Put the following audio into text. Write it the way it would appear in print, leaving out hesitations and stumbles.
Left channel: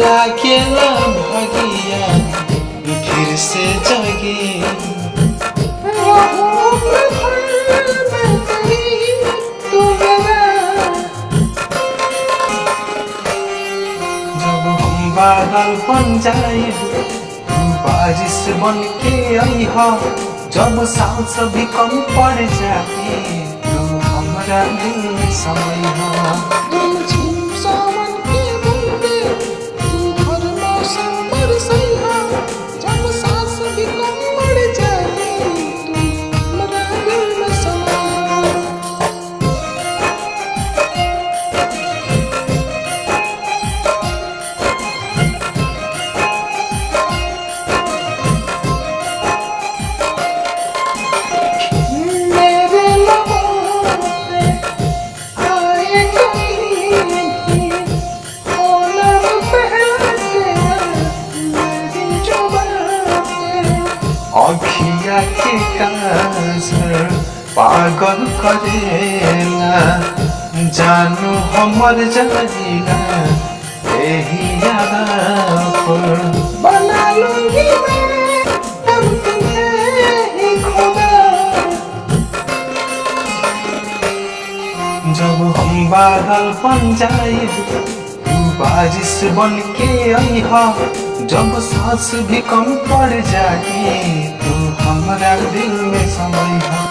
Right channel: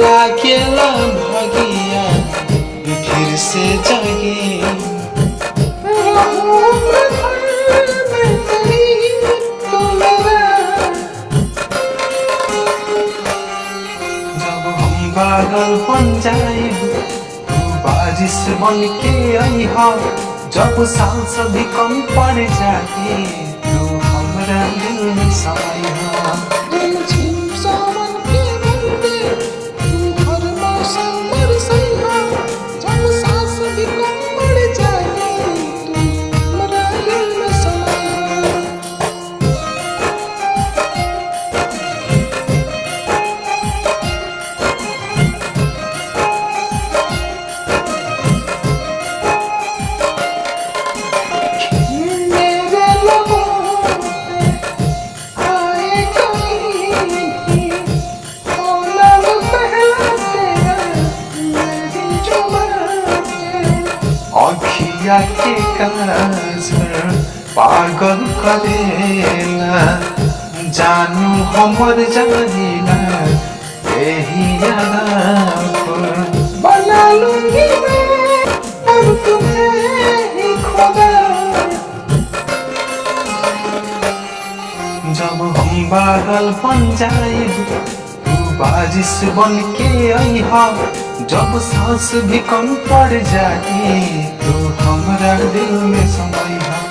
लागेला भागिया फिर से जागे। जब हम बादल बन जाए तू बारिश बन के आई हा, जब सांस भी कम पड़ जाए तू हमरा दिल में समय हा। अखिया के काजर पागल करेला, जानू हमर जानिला यही याद पर। बना लूंगी मैं अब तुम्हें ही खुदा। जब हम बादल बन जाए तू बारिश बन के आई हा, जब सांस भी कम पड़ जाए तू हमरा दिल में समय हा।